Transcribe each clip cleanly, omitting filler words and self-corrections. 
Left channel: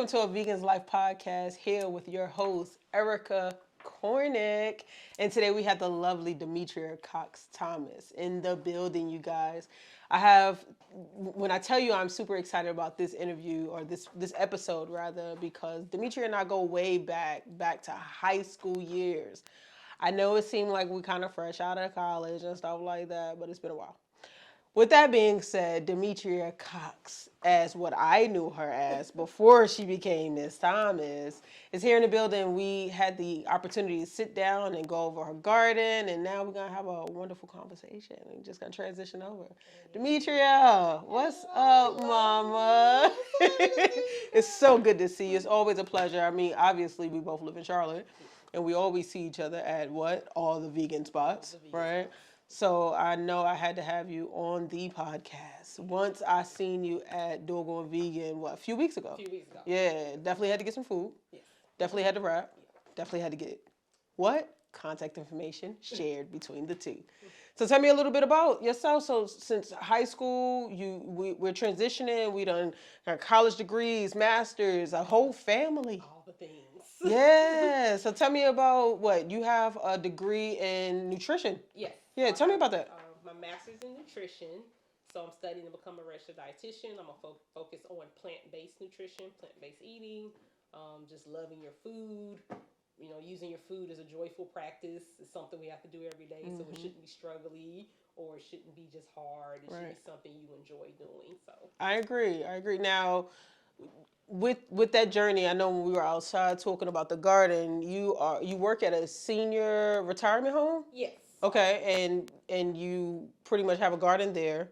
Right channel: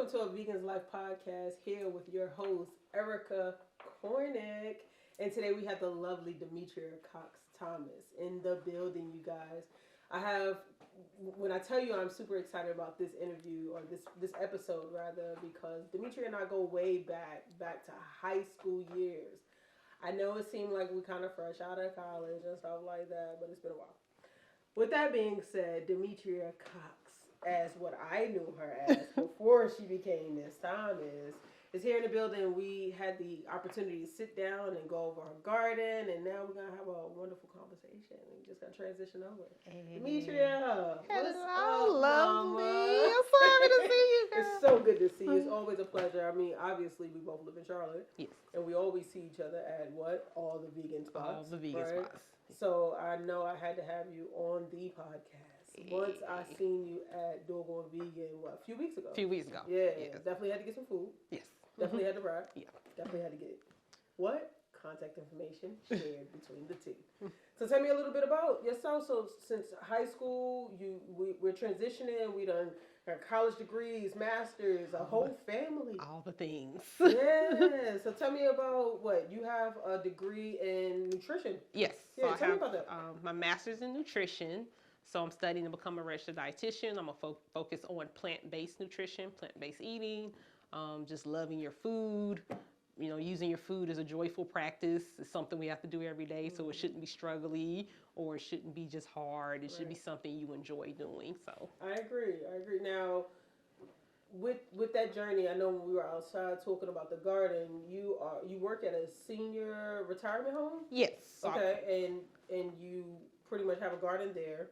welcome to a Vegan's Life podcast here with your host, Erica Cornick. And today we have the lovely Demetria Cox-Thomas in the building, you guys. When I tell you I'm super excited about this interview, or this episode rather, because Demetria and I go way back to high school years. I know it seemed like we kind of fresh out of college and stuff like that, but it's been a while. With that being said, Demetria Cox, as what I knew her as before she became Miss Thomas, is here in the building. We had the opportunity to sit down and go over her garden, and now we're going to have a wonderful conversation. We're just going to transition over. Hey. Demetria, what's up, Mama? I'm so happy to see you. It's so good to see you. It's always a pleasure. I mean, obviously, we both live in Charlotte, and we always see each other at what? All the vegan spots, right? So I know I had to have you on the podcast. Once I seen you at Doggone Vegan, a few weeks ago? A few weeks ago. Yeah, definitely had to get some food. Yes. Definitely had to rap. Yeah. Definitely had to get what? Contact information shared between the two. So tell me a little bit about yourself. So since high school, we're transitioning. We done our college degrees, masters, a whole family. All the things. Yeah. So tell me about what you have a degree in nutrition. Yes. Yeah. So tell me about that. My master's in nutrition. So I'm studying to become a registered dietitian. I'm gonna focus on plant-based nutrition, plant-based eating, just loving your food. You know, using your food as a joyful practice is something we have to do every day. So it shouldn't be struggly, or it shouldn't be just hard. It should be something you enjoy doing. So I agree. Now, with that journey, I know when we were outside talking about the garden, you work at a senior retirement home? Yes. Okay, and you pretty much have a garden there.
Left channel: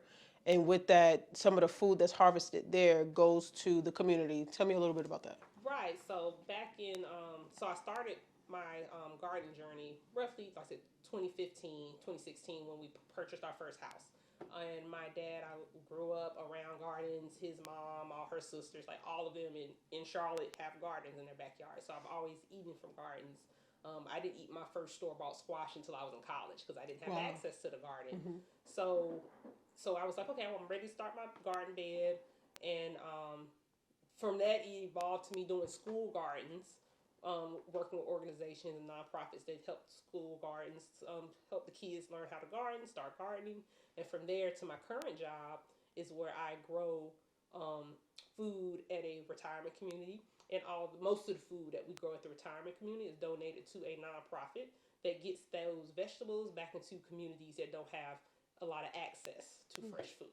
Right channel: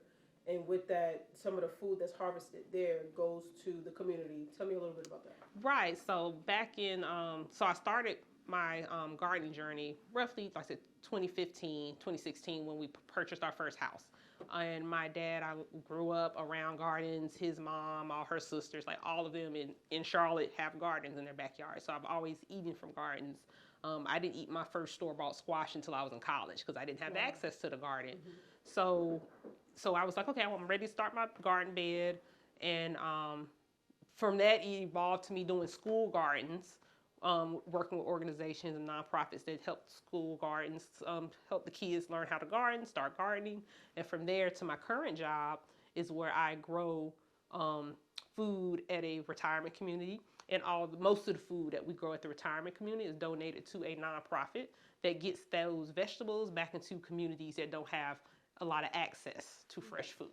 And with that, some of the food that's harvested there goes to the community. Tell me a little bit about that. Right. So back in, so I started my gardening journey roughly, like I said, 2015, 2016, when we purchased our first house. And my dad, I grew up around gardens. His mom, all her sisters, like all of them in Charlotte have gardens in their backyard. So I've always eaten from gardens. I didn't eat my first store-bought squash until I was in college because I didn't have access to the garden. So I was like, okay, I'm ready to start my garden bed. And from that, it evolved to me doing school gardens, working with organizations and nonprofits that help school gardens, help the kids learn how to garden, start gardening. And from there to my current job is where I grow food at a retirement community. And most of the food that we grow at the retirement community is donated to a nonprofit that gets those vegetables back into communities that don't have a lot of access to fresh food.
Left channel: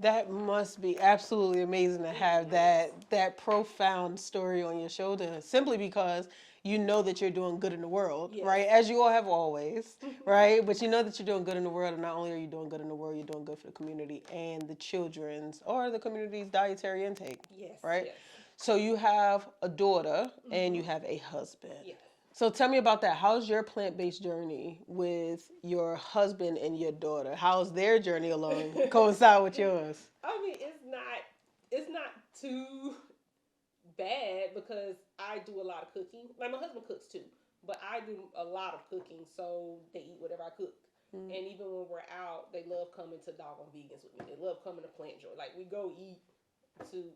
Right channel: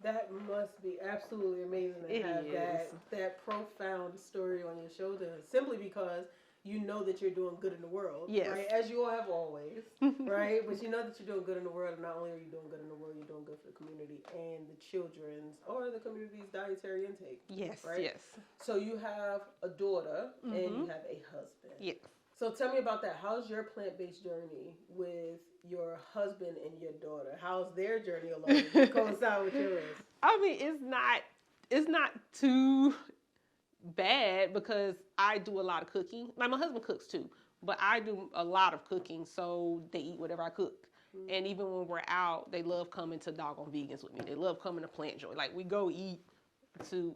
That must be absolutely amazing to have that profound story on your shoulder, simply because you know that you're doing good in the world, right? As you all have always, right? But you know that you're doing good in the world, and not only are you doing good in the world, you're doing good for the community and the children's or the community's dietary intake. Yes. Right? Yes. So you have a daughter and you have a husband. Yeah. So tell me about that. How's your plant-based journey with your husband and your daughter? How's their journey along coincide with yours? I mean, it's not too bad because I do a lot of cooking. Like my husband cooks too, but I do a lot of cooking, so they eat whatever I cook. And even when we're out, they love coming to Doggone Vegans with me. They love coming to Plant Joy. Like we go eat to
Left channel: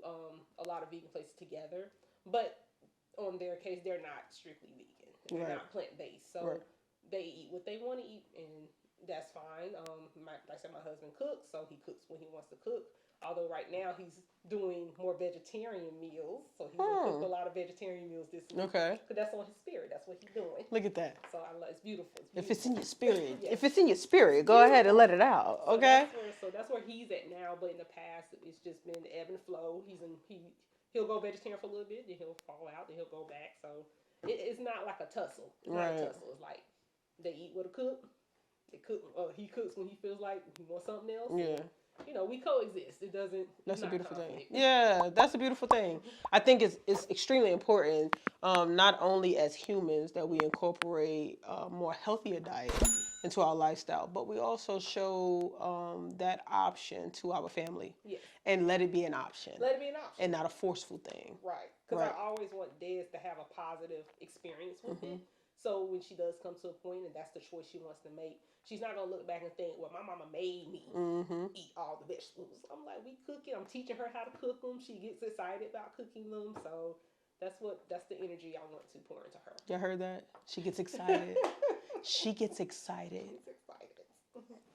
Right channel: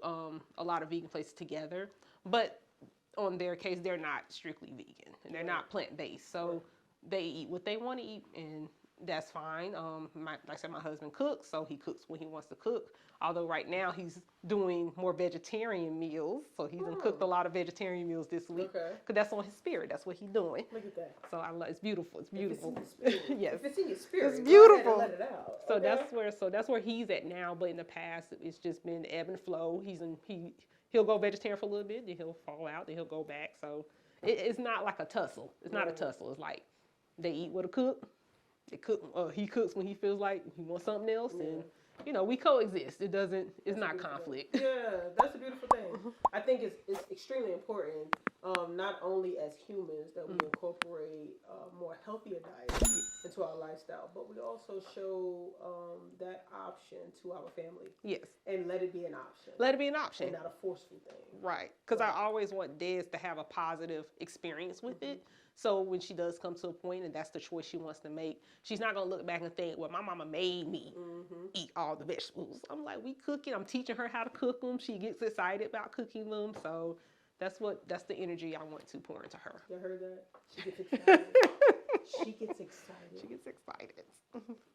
a lot of vegan places together, but on their case, they're not strictly vegan. And they're not plant-based. So they eat what they want to eat, and that's fine. Like I said, my husband cooks, so he cooks when he wants to cook. Although right now he's doing more vegetarian meals. So he's going to cook a lot of vegetarian meals this week. Okay. Because that's on his spirit. That's what he's doing. Look at that. So it's beautiful. It's beautiful. If it's in your spirit. Yes. If it's in your spirit, go ahead and let it out. So Okay. That's where he's at now. But in the past, it's just been ebb and flow. He'll go vegetarian for a little bit, then he'll fall out, then he'll go back. So it's not like a tussle. It's not a tussle. It's like they eat with a cook. They cook. He cooks when he feels like he wants something else. Yeah. And, you know, we coexist. It's not conflict. Yeah, that's a beautiful thing. I think it's extremely important, not only as humans, that we incorporate more healthier diet into our lifestyle, but we also show that option to our family. Yes. And let it be an option. Let it be an option. And not a forceful thing. Right. Because I always want dads to have a positive experience with it. So when she does come to a point and that's the choice she wants to make, she's not gonna look back and think, well, my mama made me eat all the vegetables. I'm like, we cooking. I'm teaching her how to cook them. She gets excited about cooking them. So that's the energy I want to pour into her. Y'all heard that? She gets excited. She gets excited. She gets excited.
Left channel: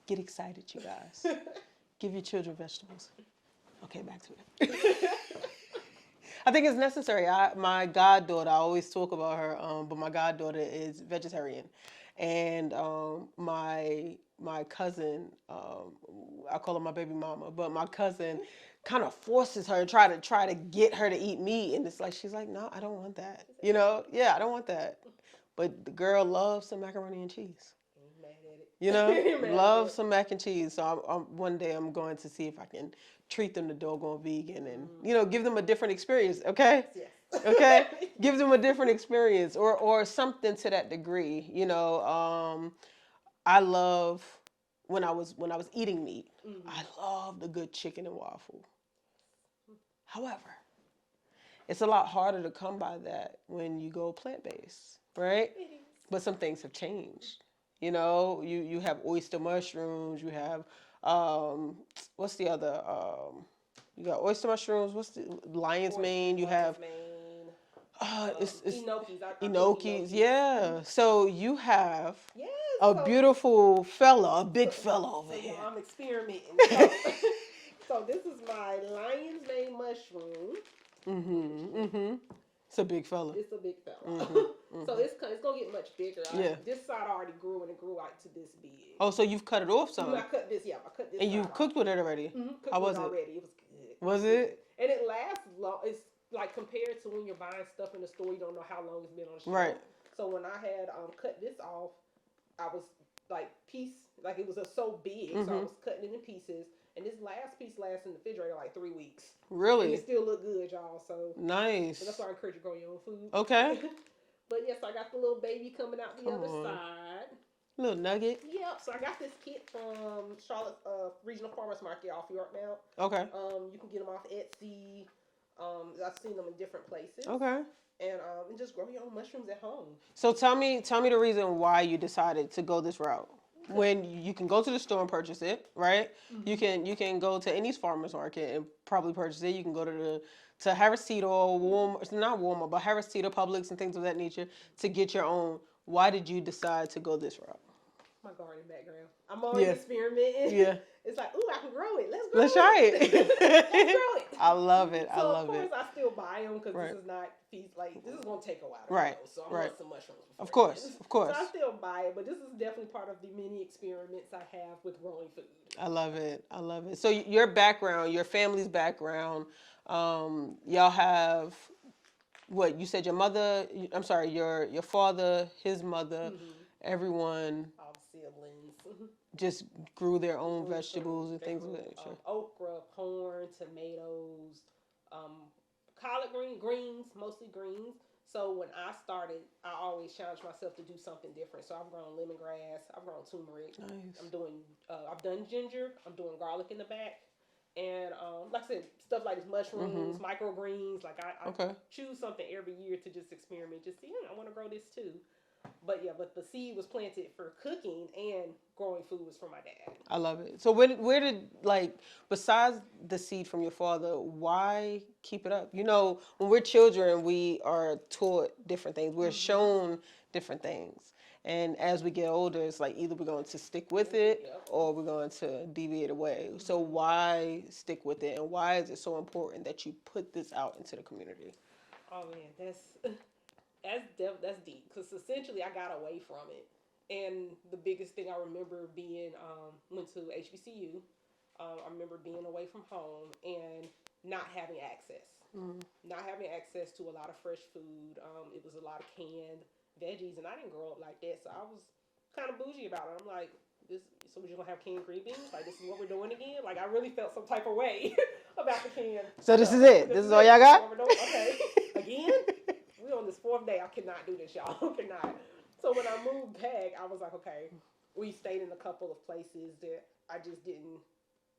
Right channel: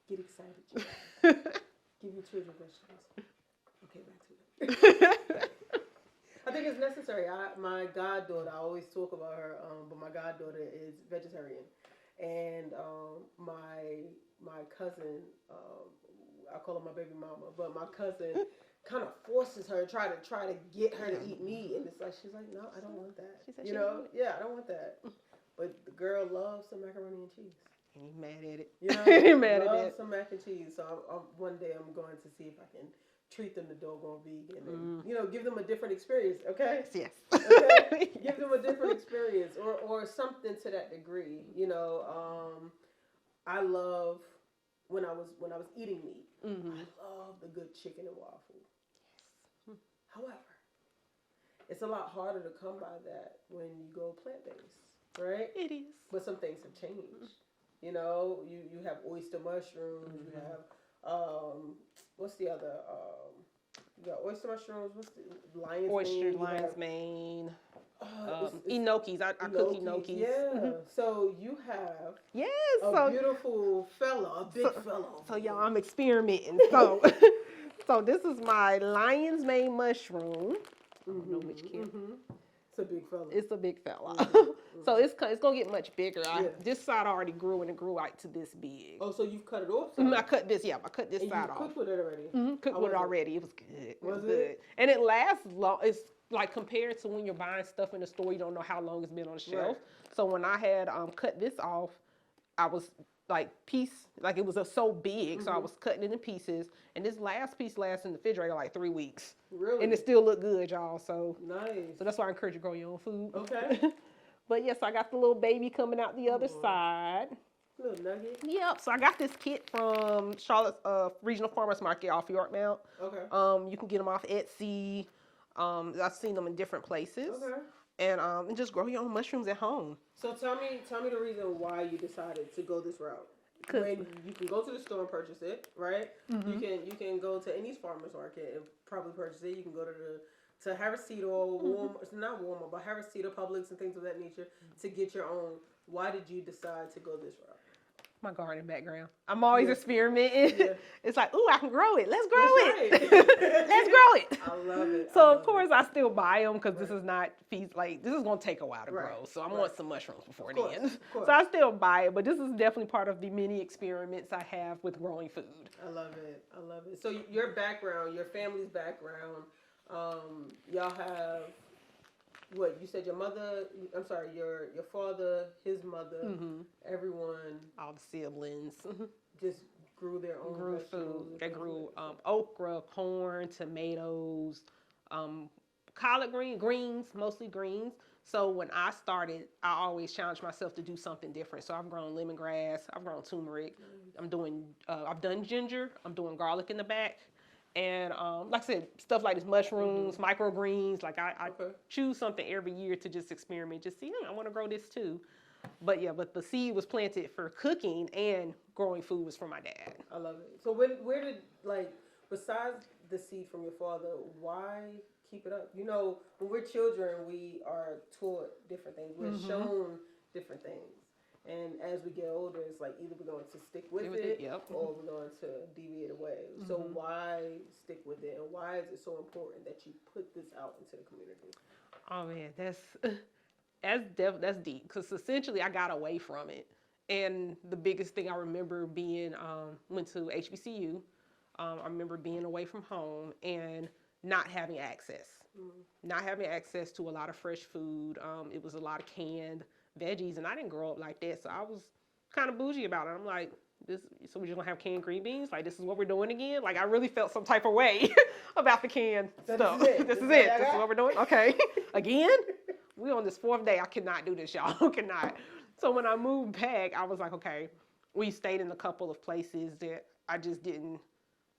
Get excited, you guys. Give your children vegetables. Okay, back to it. I think it's necessary. My goddaughter, I always talk about her, but my goddaughter is vegetarian, and my cousin, I call her my baby mama, but my cousin kind of forces her, try to get her to eat meat, and it's like she's like, no, I don't want that. You know, yeah, I don't want that. But the girl loves some macaroni and cheese. Ain't mad at it. You know, love some mac and cheese. So one day I'm going to see if I can treat them to doggone vegan and, you know, give them a different experience. Okay? Yes. Okay? Give them a different experience or something to that degree. You know, I love when I was eating meat, I love the good chicken and waffle. However, it's a lot harder to come by that when you go plant-based, right? It is. But some things have changed. You know, you have oyster mushrooms, you have, what's the other, you got oyster mushrooms, what's the, lion's mane, you have, mane. it's Gnocchis. gnocchis, yeah. So you have yes, a beautiful fella, a big fella over here. So y'all, I'm experimenting. So this is my lion's mane mushroom. It's a big fella. It's a big fella. So it's gonna get much bigger. This side already grew and it grew out to this big. Oh, so you've cut it off some? I cut this. Yeah, I cut this. And you've cooked with it already? Cooked with it already. It was good. Was it? And it lasts long. It's like compared to when you're buying stuff in the store, you don't know how long it's been on the shelf. Right. So when I had cut this off, I was like it was so big, so I was cutting it in pieces. And this last piece lasts in the refrigerator like 3 weeks. Really? And it still look good, y'all. So nice. So that's why I encourage you to grow your own food. Okay. But yes, I got the little baby coming out the other side. Little nugget. Yep. So I got this kit from Charlotte's Regional Farmers Market off Yorkmount. Okay. You can get them off Etsy. I've seen them in different places. Okay. And just grow your own mushrooms at home. So tell me the reason why you decided to go this route. When you can go to the store and purchase it, right? You can go to any farmer's market and probably purchase it. You can go to Harris Teeter or Walmart, not Walmart, but Harris Teeter, Publix, and things of that nature to get your own. Why did you decide to go this route? My garden background. I'm always experimenting. Yeah. It's like, ooh, I can grow it. Let's grow it. Let's grow it. I love it. So of course I still buy them because this is not this is gonna take a while to grow. So I want some mushrooms before. Of course. So I still buy it, but this is definitely part of the many experiments I have with growing food. I love it. I love it. So your background, your family's background, y'all have. What you said? Your mother? I'm sorry. Your father, his mother, everyone. All the siblings just grew their own vegetables and things like that. Okra, corn, tomatoes, collard greens, mostly greens. So when I started, I always challenged myself to do something different. So I've grown lemongrass, I've grown turmeric. Nice. I've done ginger. I'm doing garlic in the back. And like I said, stuff like this, mushrooms, microgreens. Like I choose something every year to just experiment, just see, I want to grow this too. But the seed was planted for cooking, and growing food was from my dad. I love it. So where did besides the seed from your father, why keep it up? You know, when we're children, we are taught different things. We're shown different things. And as we get older, it's like either we're going to stick with it or we're going to deviate away. So why stick with it? And why is it so important that you put this out into the community? Oh, man, that's deep. Because essentially I got away from it. And the biggest thing I remember being, went to HBCU. I remember being away from home and not having access. Not having access to a lot of fresh food. It was a lot of canned veggies, and I didn't grow up like that, so I was kind of bougie about it. I'm like, so we're just gonna have canned green beans? Like, this is what we're doing again? Like, I really felt some type of way about the canned. So this is it. This is all y'all got? This is what we're doing? Okay. Again? We on this 4th day. I cannot do this, y'all. Cannot. So when I moved back, I was like, okay. We stayed in a couple of places that I just didn't.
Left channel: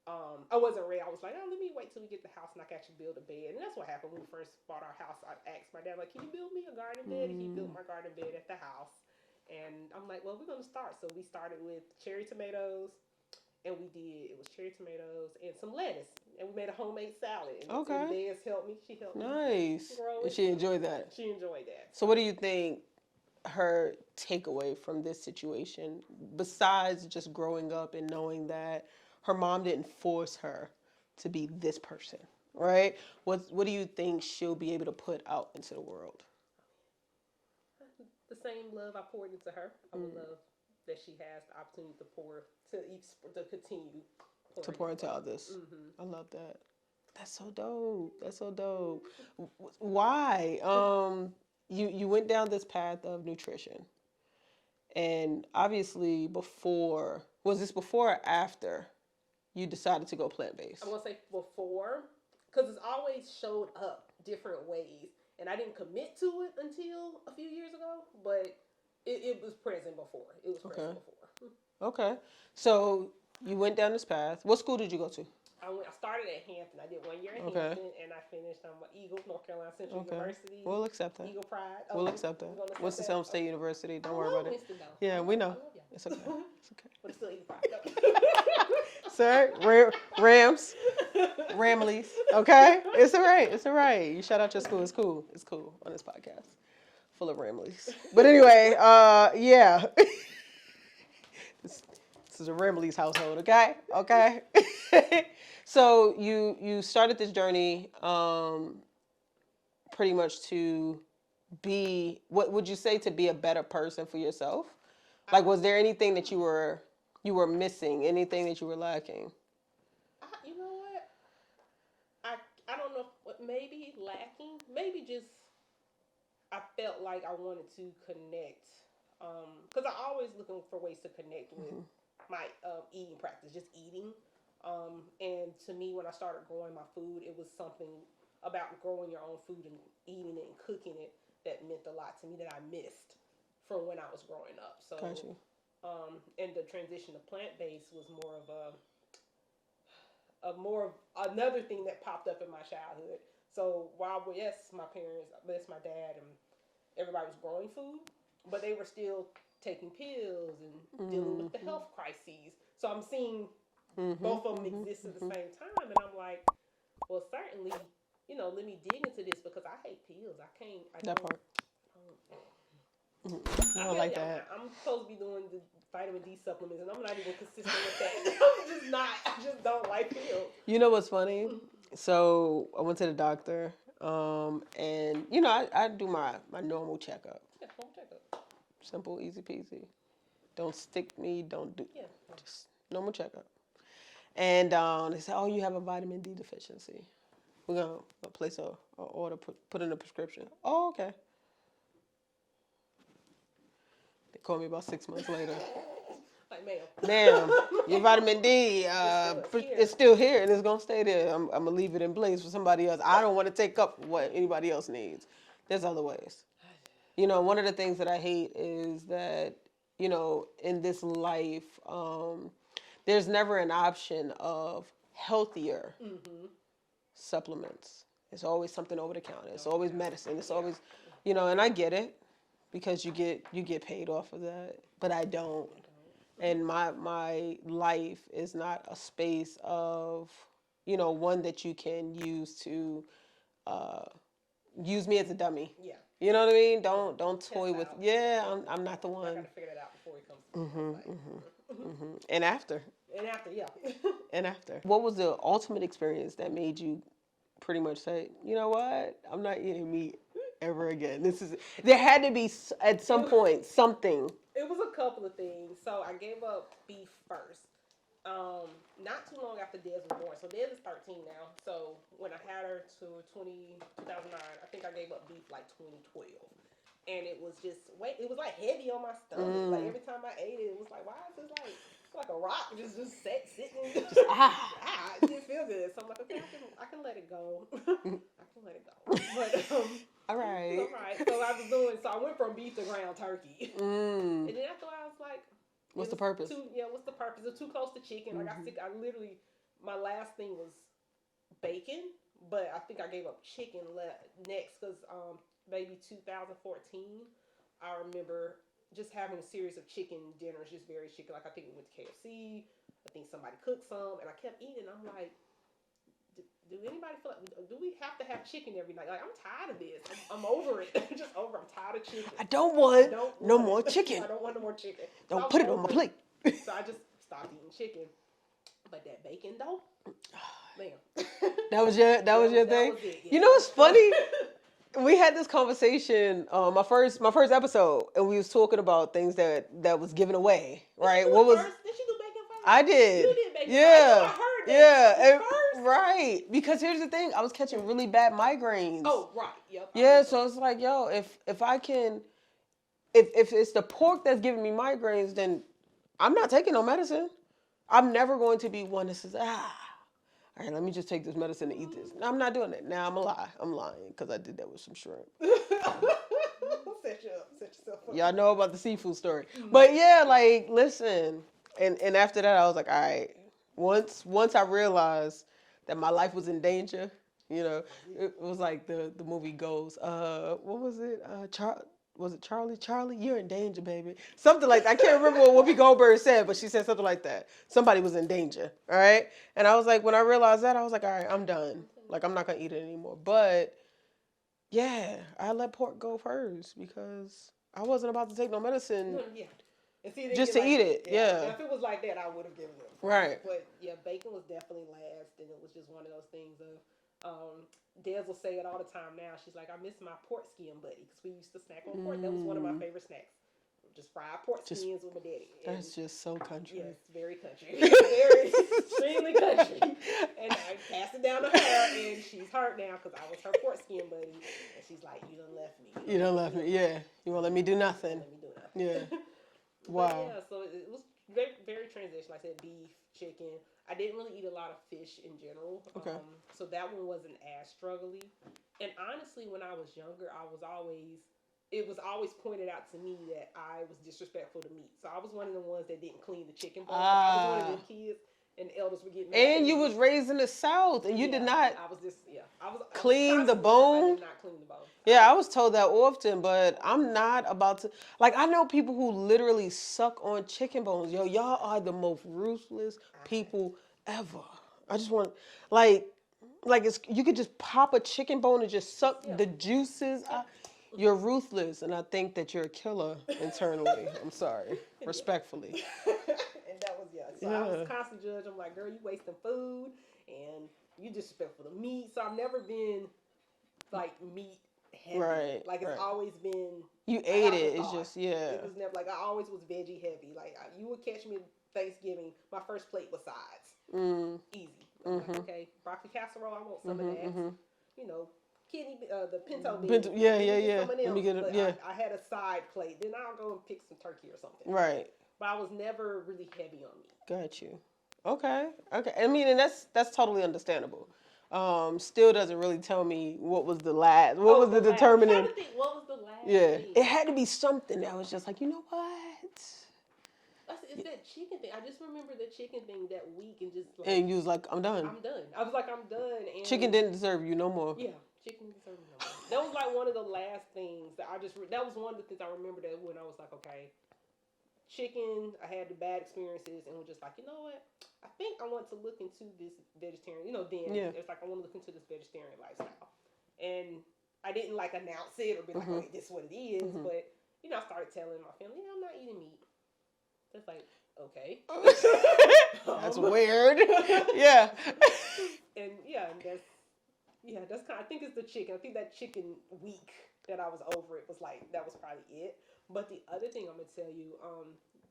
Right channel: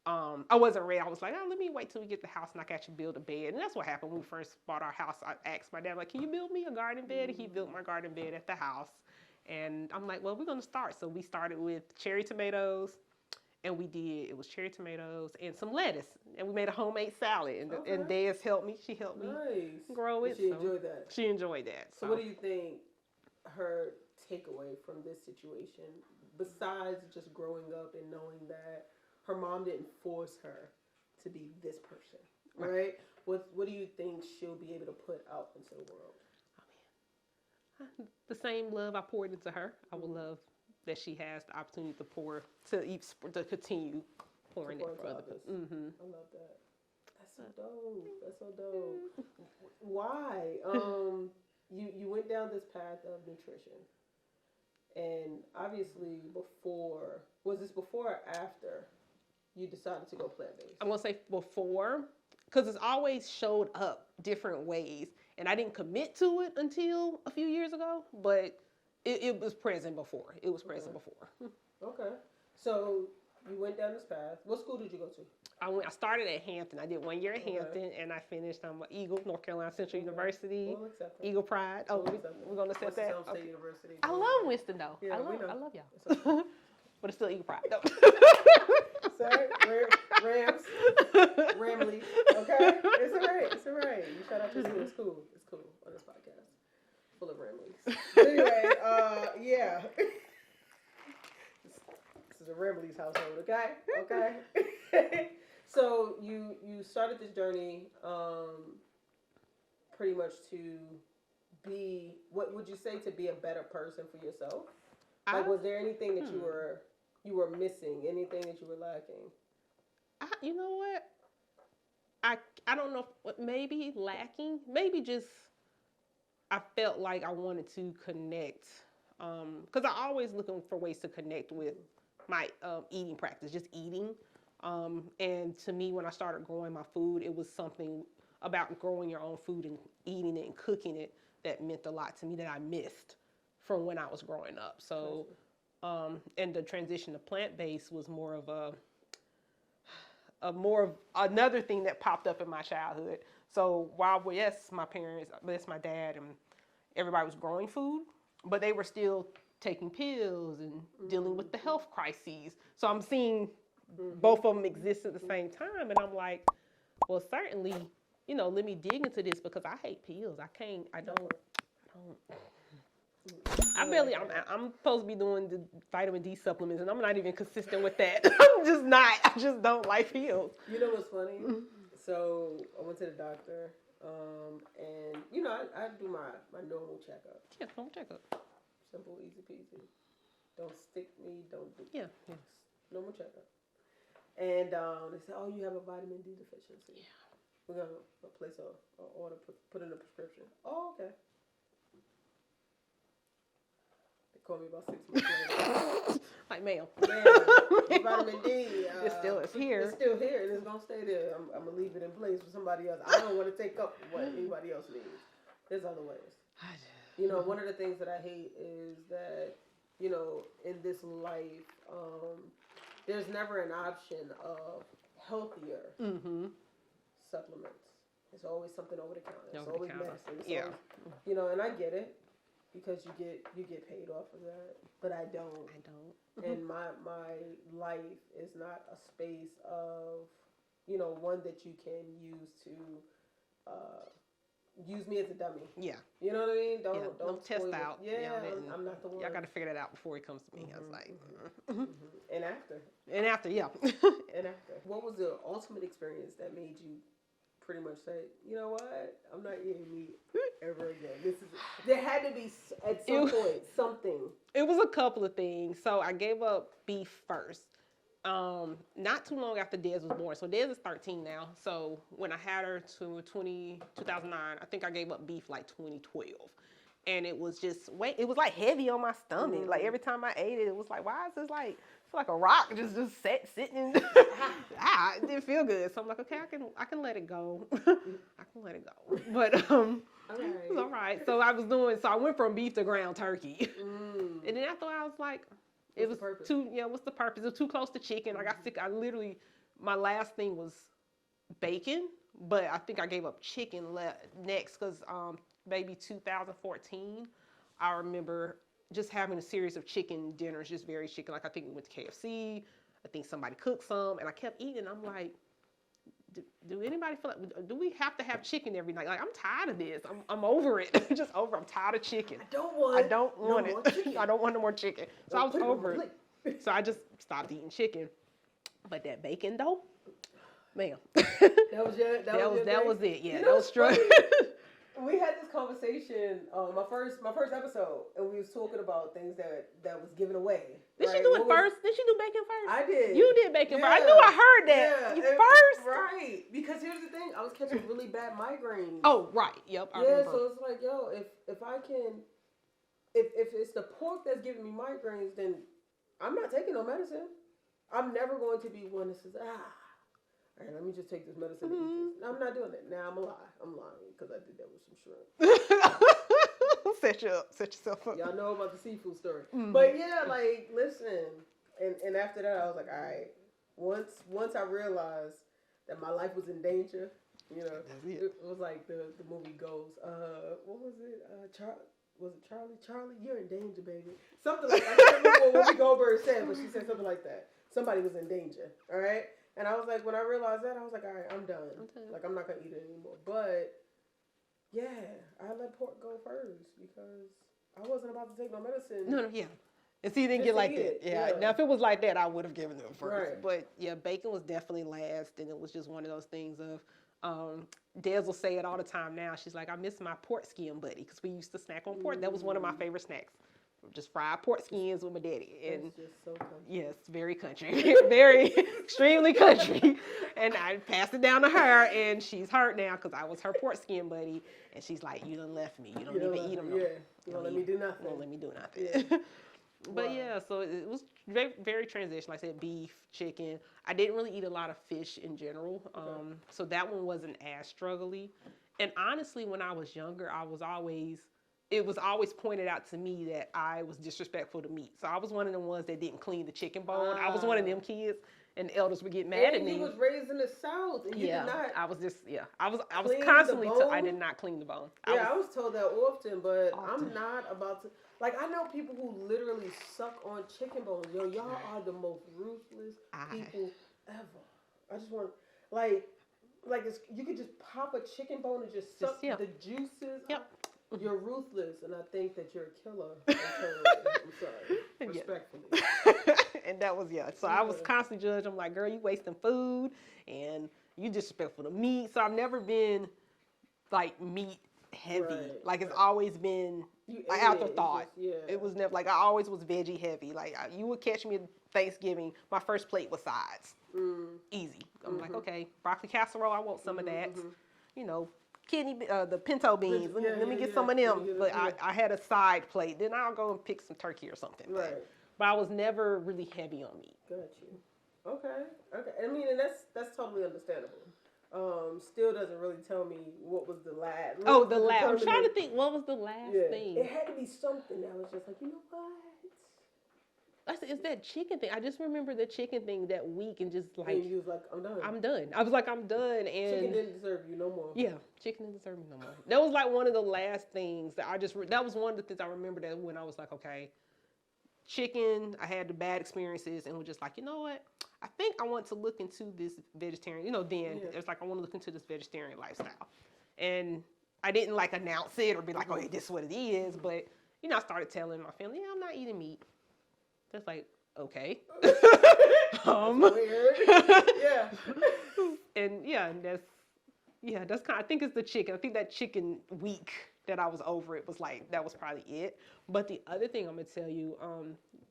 I wasn't ready. I was like, let me wait till we get the house and I can actually build a bed. And that's what happened when we first bought our house. I asked my dad, like, can you build me a garden bed? And he built my garden bed at the house. And I'm like, well, we're going to start. So we started with cherry tomatoes, and it was cherry tomatoes and some lettuce. And we made a homemade salad. And Des helped me. She helped me grow it. And she enjoyed that. She enjoyed that. So what do you think her takeaway from this situation, besides just growing up and knowing that her mom didn't force her to be this person, right? What do you think she'll be able to put out into the world? The same love I poured into her, I would love that she has the opportunity to continue pouring into others. I love that. That's so dope. That's so dope. Why? You went down this path of nutrition, and obviously was this before or after you decided to go plant-based? I'm gonna say before, because it's always showed up different ways, and I didn't commit to it until a few years ago, but it was present before. It was present before. Okay, so you went down this path. What school did you go to? I started at Hampton. I did 1 year at Hampton, and I finished Eagle, North Carolina Central University. We'll accept that. Eagle Pride. We'll accept that. Winston-Salem State University. I love Winston, though. Yeah, we know. I love y'all. It's okay. It's okay. But it's still Eagle Pride, though. Sir, Ramleys. Okay? It's all right. It's all right. You shout out your school. It's cool. It's cool on this podcast. Full of Ramleys. But anyway, yeah. This is a Ramleys household, okay? Okay? So you started this journey pretty much to be, what would you say, to be a better person for yourself? Like, was there anything that you were missing, anything that you were lacking? You know what? I don't know what, maybe lacking, maybe just I felt like I wanted to connect, because I always looking for ways to connect with my eating practice, just eating. And to me, when I started growing my food, it was something about growing your own food and eating it and cooking it that meant a lot to me that I missed from when I was growing up. So, and the transition to plant-based was more of another thing that popped up in my childhood. So while, yes, my parents, my dad and everybody was growing food, but they were still taking pills and dealing with the health crises. So I'm seeing both of them exist at the same time, and I'm like, well, certainly, let me dig into this because I hate pills. I I'm supposed to be doing the vitamin D supplements, and I'm not even consistent with that. I'm just not. I just don't like pills. You know what's funny? So I went to the doctor, and I do my normal checkup. Yeah, normal checkup. Simple, easy peasy. Don't stick me. Don't do. Yeah. Just normal checkup. And they said, "Oh, you have a vitamin D deficiency. We're gonna place a order, put in a prescription." Oh, okay. They called me about 6 months later. Like, ma'am, your vitamin D it's still here, and it's gonna stay there. I'm gonna leave it in place for somebody else. I don't want to take up what anybody else needs. There's other ways. One of the things that I hate is that in this life, there's never an option of healthier supplements. It's always something over the counter. It's always medicine. It's always, and I get it because you get paid off of that, but I don't. And my life is not a space of, one that you can use to use me as a dummy. Yeah. You know what I mean? Don't toy with. Out. I'm not the one. I got to figure that out before he comes to me. And after. Yeah. And after. What was the ultimate experience that made you pretty much say, you know what? I'm not eating meat ever again. There had to be at some point something. It was a couple of things. So I gave up beef first. Not too long after Des was born. So Des is 13 now. So when I had her to 2009, I think I gave up beef like 2012. And it was just, it was like heavy on my stomach. Like every time I ate it, it was like, why is this like a rock just sitting? It didn't feel good. So I'm like, okay, I can let it go. I can let it go. But all right. It was all right. So I went from beef to ground turkey. And then after I was like, what's the purpose? What's the purpose? It was too close to chicken. I got sick. My last thing was bacon, but I think I gave up chicken next because maybe 2014, I remember just having a series of chicken dinners, just very chicken. Like I think we went to KFC. I think somebody cooked some, and I kept eating. I'm like, do anybody feel like, do we have to have chicken every night? Like, I'm tired of this. I'm over it. I'm just over. I'm tired of chicken. I don't want no want more chicken. I don't want no more chicken. So Don't put it on my plate. So I just stopped eating chicken. But that bacon though, man. That was your thing? That was it. Yeah, you know what's funny? We had this conversation, my first episode, and we was talking about things that was given away, right? Did you do first? Did you do bacon first? I did. You did bacon first. I knew I heard that. Yeah, First. right. Because here's the thing, I was catching really bad migraines. Oh, right. Yep. Yeah, so it's like, yo, if I can, if it's the pork that's giving me migraines, then I'm not taking no medicine. I'm never going to be one that says, all right, let me just take this medicine and eat this. I'm not doing it. Now I'm lying because I did that with some shrimp. Set yourself up. Y'all know about the seafood story. But yeah, like, listen. And after that, I was like, all right. Once I realized that my life was in danger, you know, it was like the movie goes, what was it? Was it Charlie? Charlie, you're in danger, baby. Something like that. I can't remember what Whoopi Goldberg said, but she said something like that. Somebody was in danger, all right? And I was like, when I realized that, I was like, all right, I'm done. Like, I'm not going to eat it anymore. But, yeah, I let pork go first because I wasn't about to take no medicine. No, yeah. And see, just to eat it, yeah. Now, if it was like that, I would have given it first. Right. But, yeah, bacon was definitely last, and it was just one of those things of, Des will say it all the time now. She's like, I miss my pork skin buddy because we used to snack on pork. That was one of my favorite snacks. Just fried pork skins with my daddy. And it's just so country. Yes, very country. Very, extremely country. And I passed it down to her, and she's hurt now because I was her pork skin buddy. And she's like, you done left me. You done left me, yeah. You won't let me do nothing. You won't let me do nothing. Yeah. Wow. But yeah, so it was very, very transitional. Like I said, beef, chicken. I didn't really eat a lot of fish in general. Okay. So that one wasn't as struggly. And honestly, when I was younger, it was always pointed out to me that I was disrespectful to meat. So I was one of the ones that didn't clean the chicken bowl. I was one of them kids, and the elders would get mad. And you was raised in the South, and you did not. I was clean the bone. I did not clean the bone. Yeah, I was told that often, but I'm not about to. Like, I know people who literally suck on chicken bones. Yo, y'all are the most ruthless people ever. I just want, like it's, you could just pop a chicken bone and just suck the juices out. You're ruthless, and I think that you're a killer internally. I'm sorry, respectfully. And that was, so I was constantly judged. I'm like, girl, you wasting food, and you disrespectful to meat. So I've never been, like, meat heavy. Right, like, it's always been, you like, ate it. It's just, It was never, like, I always was veggie heavy. Like, you would catch me at Thanksgiving, my first plate was sides. Easy. I'm like, okay, broccoli casserole, I want some of that. You know, kidney, the pinto beans. Let me get some of them. I had a side plate. Then I'll go and pick some turkey or something. Right. But I was never really heavy on meat. Got you. Okay. I mean, and that's totally understandable. Still doesn't really tell me what was the last. What was the determining? I'm trying to think. What was the last thing? It had to be something that was just like, you know what? It's that chicken thing. I just remember the chicken thing that week and just like. And you was like, I'm done. I'm done. I was like, I'm done. And chicken didn't deserve you no more. Yeah, chicken didn't deserve me no more. That was like one of the last things that that was one of the things I remember that when I was like, okay, chicken, I had the bad experiences and was just like, you know what? I think I want to look into this vegetarian, it's like, I want to look into this vegetarian lifestyle. And I didn't like announce it or be like, okay, this is what it is. But, I started telling my family, I'm not eating meat. That's like, okay. That's weird. Yeah. And that's kind of, I think it's the chicken. I think that chicken week that I was over it was like, that was probably it. But the other thing I'm going to tell you,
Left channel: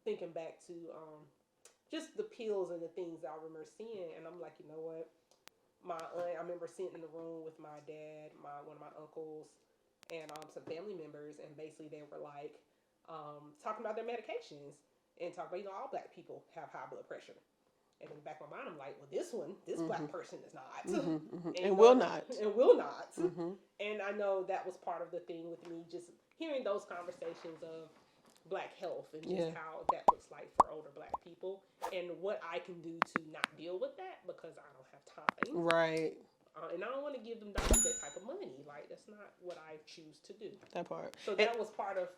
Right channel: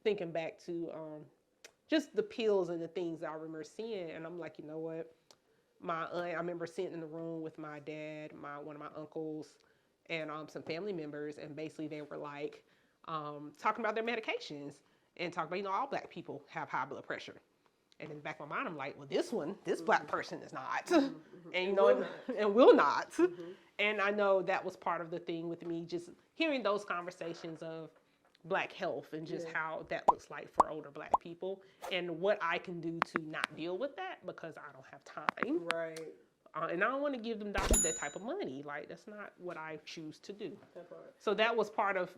thinking back to just the pills and the things that I remember seeing, and I'm like, you know what? My aunt, I remember sitting in the room with my dad, one of my uncles, and some family members, and basically they were like talking about their medications and talking about, all black people have high blood pressure. And in the back of my mind, I'm like, well, this black person is not. And will not. And will not. And I know that was part of the thing with me, just hearing those conversations of black health and just how that looks like for older black people and what I can do to not deal with that because I don't have time. Right. And I don't want to give them doctors that type of money. Like, that's not what I choose to do. That part. So that was part of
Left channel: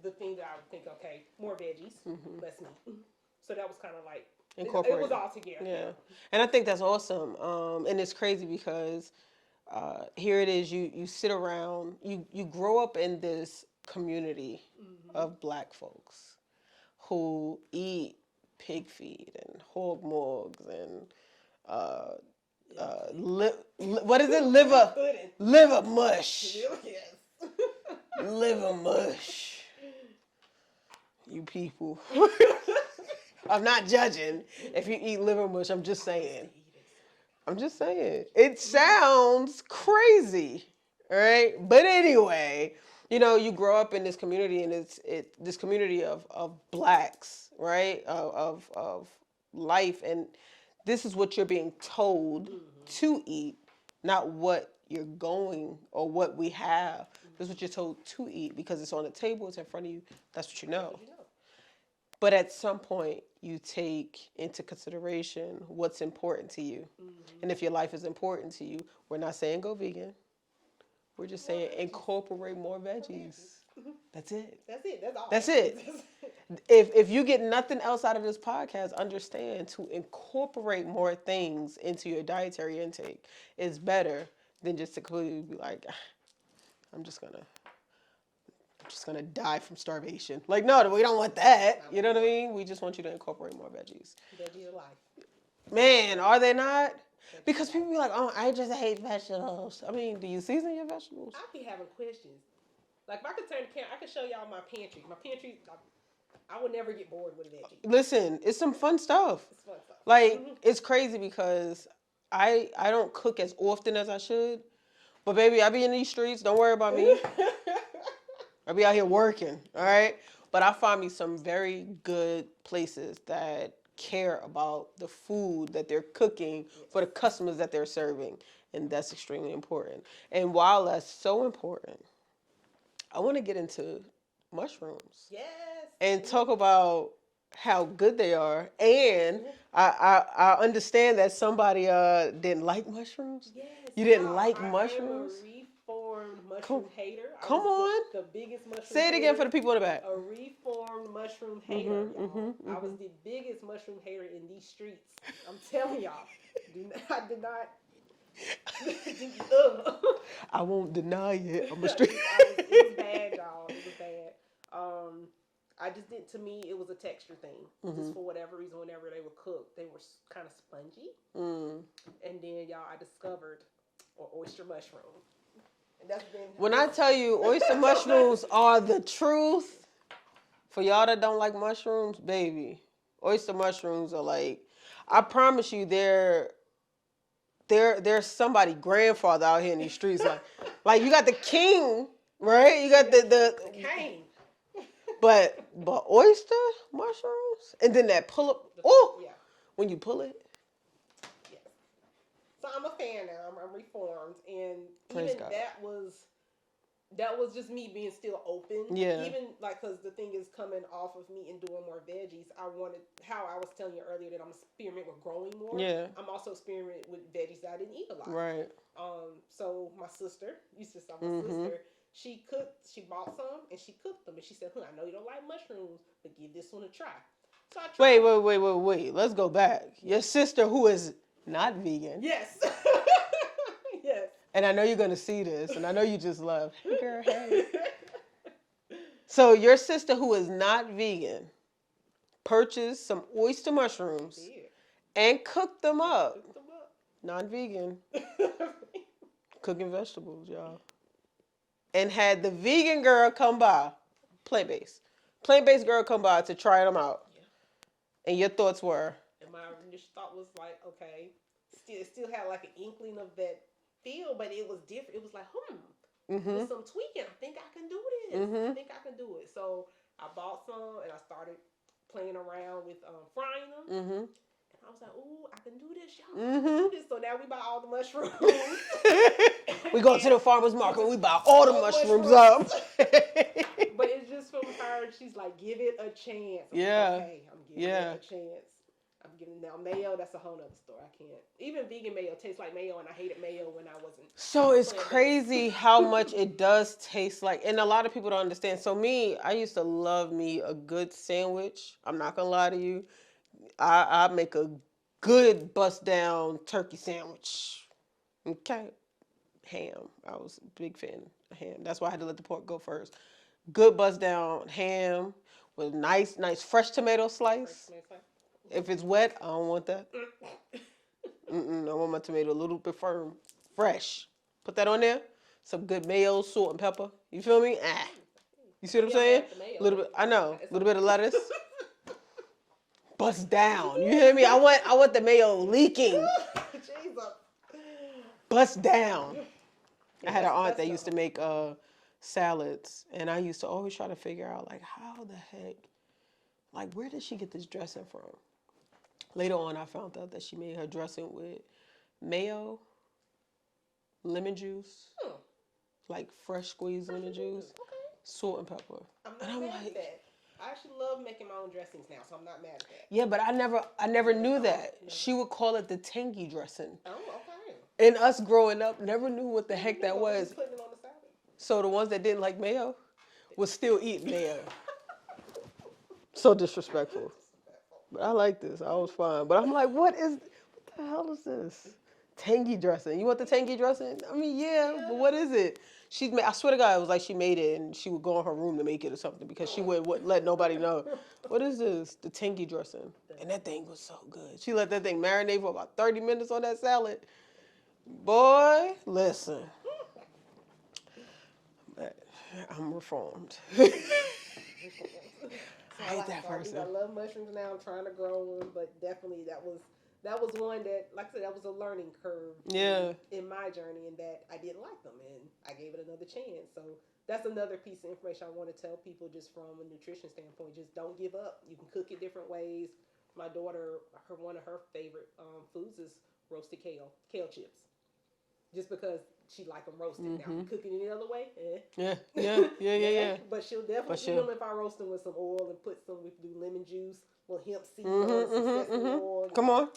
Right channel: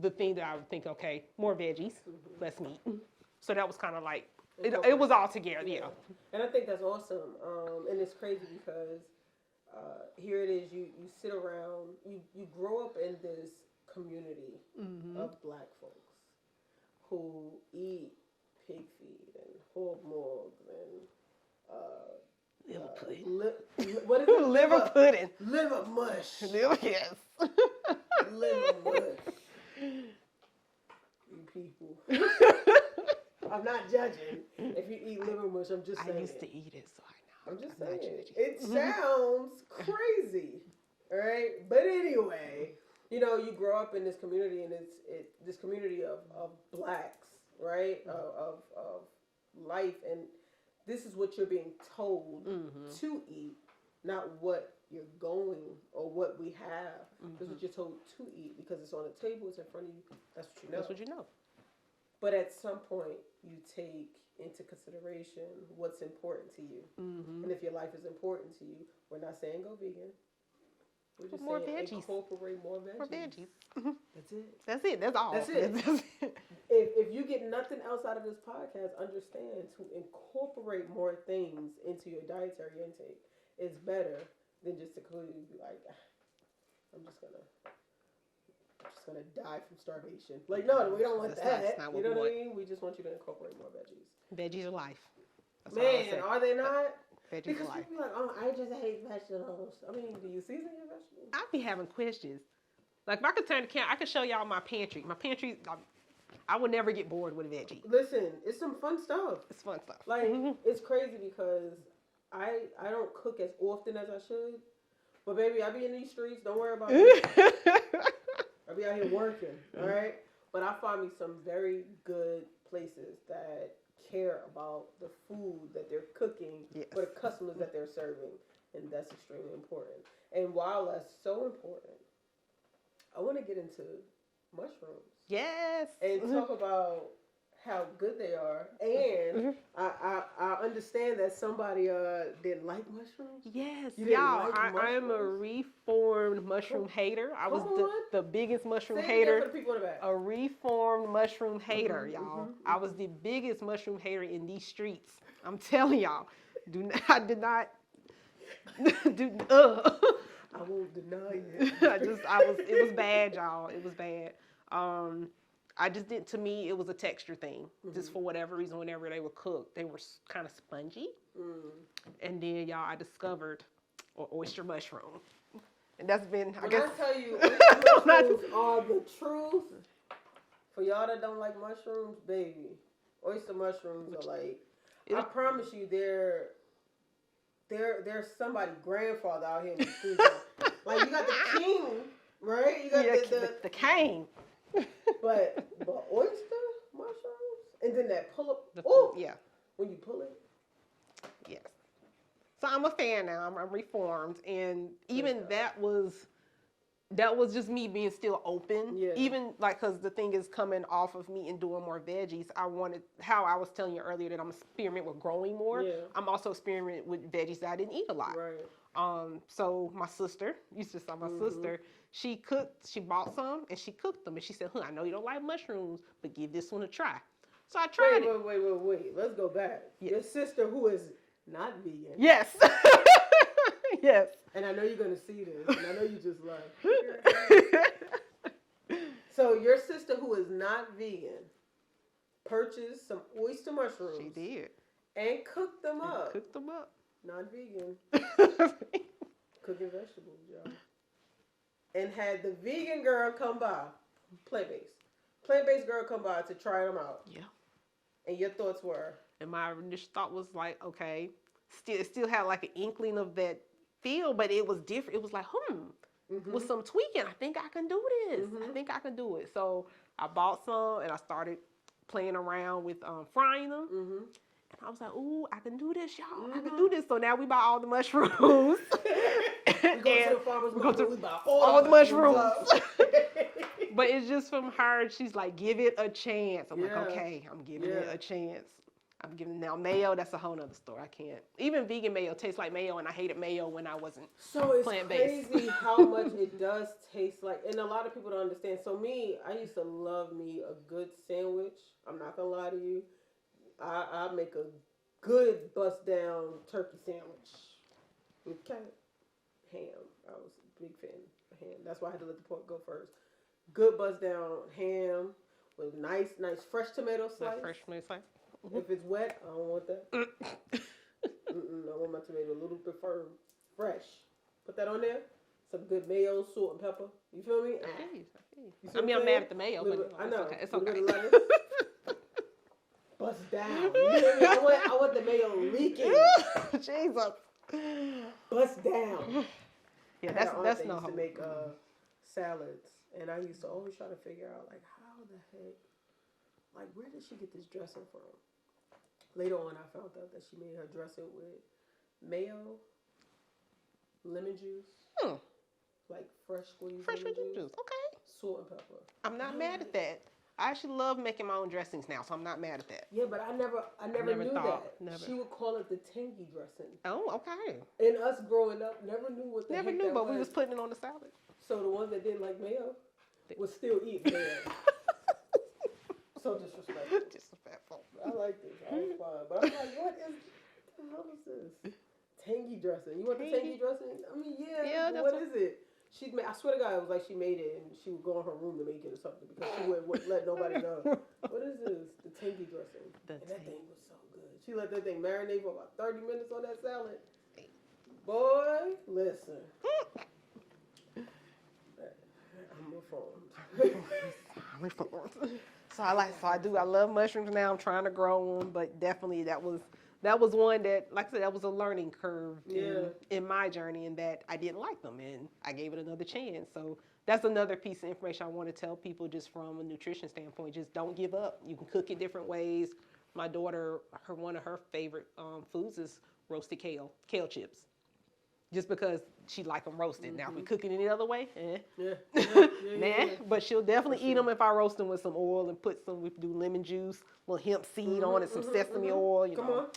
the thing that I would think, okay, more veggies, less meat. So that was kind of like, it was all together. Yeah. And I think that's awesome. And it's crazy because here it is, you sit around, you grow up in this community of Black folks who eat pig feet and hog mugs and what is it? Liver pudding. Liver mush. Yes. Liver mush. You people. I'm not judging if you eat liver mush. I'm just saying. I used to eat it, so I'm just saying. It sounds crazy, all right? But anyway, you grow up in this community, and it's this community of Blacks, right? Of life, and this is what you're being told to eat, not what you're going or what we have. This is what you're told to eat because it's on the table, it's in front of you. That's what you know. That's what you know. But at some point, you take into consideration what's important to you. And if your life is important to you, we're not saying go vegan. We're just saying incorporate more veggies. That's it. That's it. That's all. That's it. If you get nothing else out of this podcast, understand to incorporate more things into your dietary intake is better than just to completely be like, I'm just gonna die from starvation. Like, no, we don't want that. You know what I mean? We just want you to incorporate more veggies. Veggies are life. Man, are they not? Veggies Because are people be like, oh, I just hate vegetables. I mean, do you season your vegetables? I be having questions. Like, if I could turn the camera, I could show y'all my pantry. My pantry, I would never get bored with a veggie. Listen, it's some fun stuff. It's fun stuff. Like, it's crazy because I don't cook as often as I should. But baby, I be in these streets. Don't worry about me. I be out here working, all right? But I find me some very good places that care about the food that they're cooking for the customers that they're serving. And that's extremely important. And while that's so important, I want to get into mushrooms. Yes. And talk about how good they are. And I understand that somebody didn't like mushrooms. Yes. You didn't like mushrooms? I am a reformed mushroom hater. I Come was on. the biggest mushroom Say it hater. again for the people in the back. A reformed mushroom hater, y'all. I was the biggest mushroom hater in these streets. I'm telling y'all. I did not. I won't deny it. It was bad, y'all. It was bad. I just did. To me, it was a texture thing. Just for whatever reason, whenever they were cooked, they were kind of spongy. And then, y'all, I discovered oyster mushroom, and that's been. When I tell you, oyster mushrooms are the truth. For y'all that don't like mushrooms, baby, oyster mushrooms are like. I promise you, there's somebody grandfather out here in these streets. Like you got the king, right? You got the king. But oyster mushrooms, and then that pull up. Oh, yeah. When you pull it. Yes. So I'm a fan now. I'm reformed, and even that was just me being still open. Yeah. Even like because the thing is coming off of me and doing more veggies. I wanted how I was telling you earlier that I'm experimenting with growing more. Yeah. I'm also experimenting with veggies that I didn't eat a lot. Right. So my sister, you just saw my sister. She bought some and she cooked them and she said, I know you don't like mushrooms, but give this one a try. So I tried it. Wait. Let's go back. Your sister who is not vegan. Yes. Yes. And I know you're going to see this and I know you just left. So your sister who is not vegan purchased some oyster mushrooms. She did. And cooked them up. Non-vegan. Cooking vegetables, y'all. And had the vegan girl come by, plant-based girl come by to try them out. Yeah. And your thoughts were? And my initial thought was like, okay, it still had like an inkling of that feel, but it was different. It was like, with some tweaking, I think I can do this. I think I can do it. So I bought some and I started playing around with frying them. And I was like, ooh, I can do this, y'all. I can do this. So now we buy all the mushrooms. We go to the farmer's market. We buy all the mushrooms up. But it's just from her. She's like, give it a chance. I'm like, okay, I'm giving it a chance. I'm giving now mayo. That's a whole nother story. I can't. Even vegan mayo tastes like mayo, and I hated mayo when I wasn't. So it's plant-based. crazy how much it does taste like, and a lot of people don't understand. So me, I used to love me a good sandwich. I'm not gonna lie to you. I make a good bust down turkey sandwich. Okay, ham. I was a big fan of ham. That's why I had to let the pork go first. Good bust down ham with nice fresh tomato slice. Fresh tomato slice. If it's wet, I don't want that. I want my tomato a little bit firm, fresh. Put that on there. Some good mayo, salt, and pepper. You feel me? Ah. You see what I'm saying? Mayo, Little bit. I know. It's A little okay. bit of lettuce. Bust down. You hear me? I want the mayo leaking. Jesus. Bust down. Yeah, I had an aunt that no used to make salads, and I used to always try to figure out like how the heck, like where did she get this dressing from? Later on, I found out that she made her dressing with mayo, lemon juice, like fresh squeezed lemon juice, Okay. salt and pepper. I'm not mad at that. I actually love making my own dressings now, so I'm not mad at that. Yeah, but I never knew thought, that. never. She would call it the tangy dressing. Oh, okay. And us growing up never knew what the Never heck knew, that but we was. putting it on the salad. So the ones that didn't like mayo was still eating mayo. So disrespectful. But I like this. I was fine. But I'm like, what the hell is this? Tangy dressing. You want the tangy dressing? I mean, yeah, but what is it? I swear to God, it was like she made it and she would go in her room to make it or something because she wouldn't let nobody know. What is this? The tangy dressing. And that thing was so good. She let that thing marinate for about 30 minutes on that salad. Boy, listen. I'm reformed. So I love mushrooms now. I'm trying to grow them, but definitely that was one that, like I said, that was a learning curve in my journey, and that I didn't like them, and I gave it another chance. So that's another piece of information I want to tell people, just from a nutrition standpoint. Just don't give up. You can cook it different ways. My daughter, one of her favorite foods is roasted kale chips. Just because she like them roasted. Now, if we cook it any other way, Yeah. But she'll definitely eat them if I roast them with some oil and we do lemon juice, little hemp seed on it, some sesame oil. Come on.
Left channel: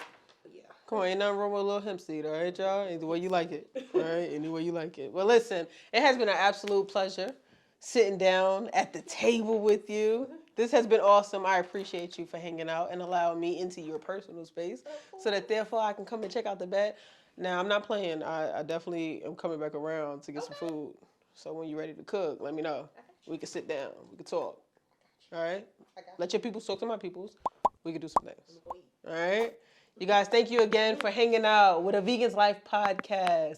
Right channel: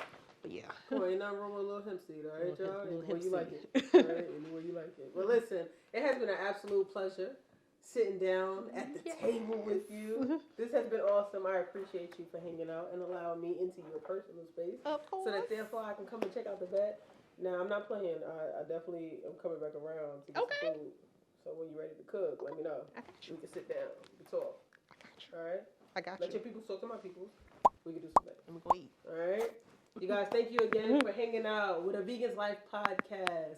But yeah. Come on, ain't nothing wrong with a little hemp seed, all right, y'all? Either way you like it. All right, any way you like it. Well, listen, it has been an absolute pleasure sitting down at the table with you. This has been awesome. I appreciate you for hanging out and allowing me into your personal space so that therefore I can come and check out the bed. Now, I'm not playing. I definitely am coming back around to get some food. So when you're ready to cook, let me know. We can sit down. We can talk. All right? Let your people talk to my peoples. We can do some things. All right? You guys, thank you again for hanging out with a Vegan's Life podcast.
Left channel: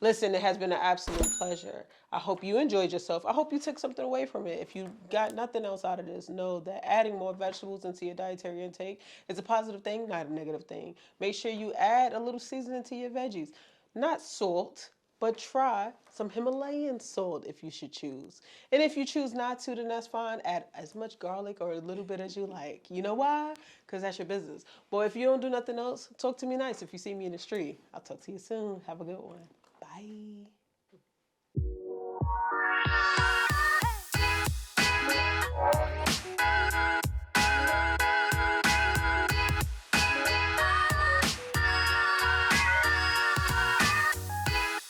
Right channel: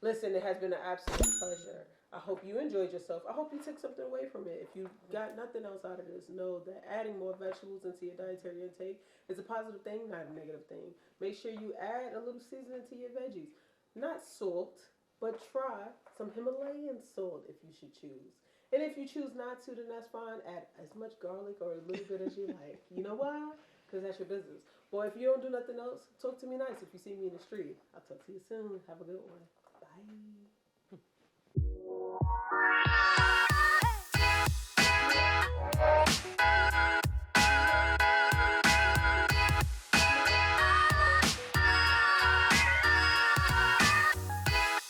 Listen, it has been an absolute pleasure. I hope you enjoyed yourself. I hope you took something away from it. If you got nothing else out of this, know that adding more vegetables into your dietary intake is a positive thing, not a negative thing. Make sure you add a little seasoning to your veggies. Not salt, but try some Himalayan salt if you should choose. And if you choose not to, then that's fine. Add as much garlic or a little bit as you like. You know why? Because that's your business. Boy, if you don't do nothing else, talk to me nice if you see me in the street. I'll talk to you soon. Have a good one. Bye.